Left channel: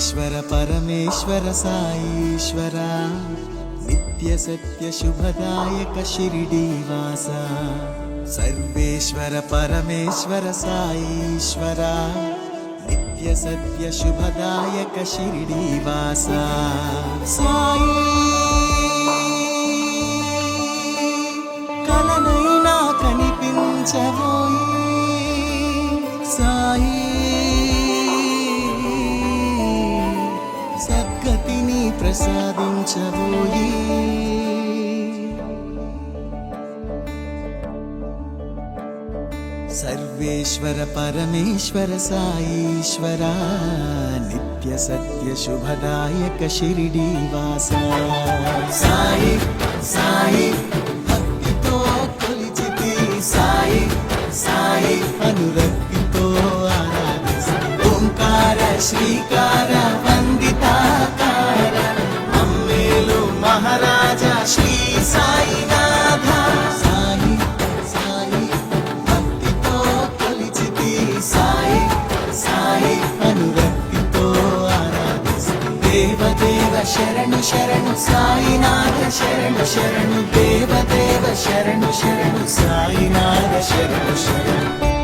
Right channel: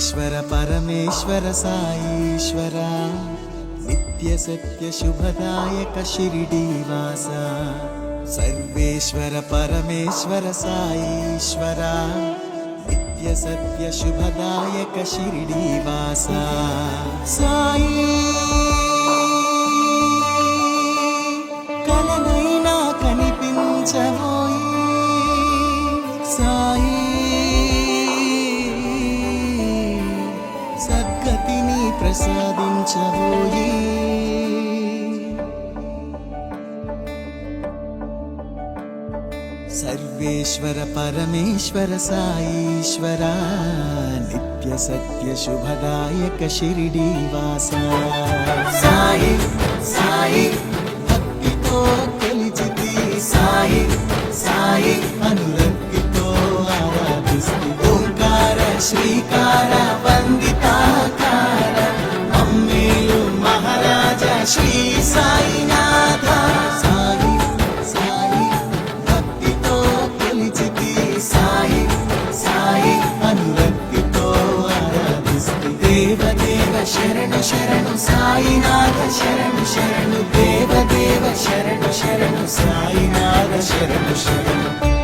सर्वेश्वर परमेश्वर साईश्वर नित्य सत्य शुभदायक शिरडीवासा सर्वेश्वर परमेश्वर साईश्वर नित्य सत्य शुभदायक शिरडीवासा साई कलनैना कनिपिंचवोई साई सद्गतिनी प्रसादिंचवोई सर्वेश्वर परमेश्वर साईश्वर नित्य सत्य शुभदायक शिरडीवासा साई साई भक्तितो कोलिचिति साई साई अनुरक्तितो आराधिस्ति ओंकार श्रीकार वंदिताकार मम्मेलु महाराजा श्री साईनाथ साई साई भक्तितो कोलिचिति साई साई अनुरक्तितो आराधिस्ति देव देव शरणु शरणु साईनाथ शरणु शरणु देव देव शरणु शरणु साईनाथ शरणु शरणु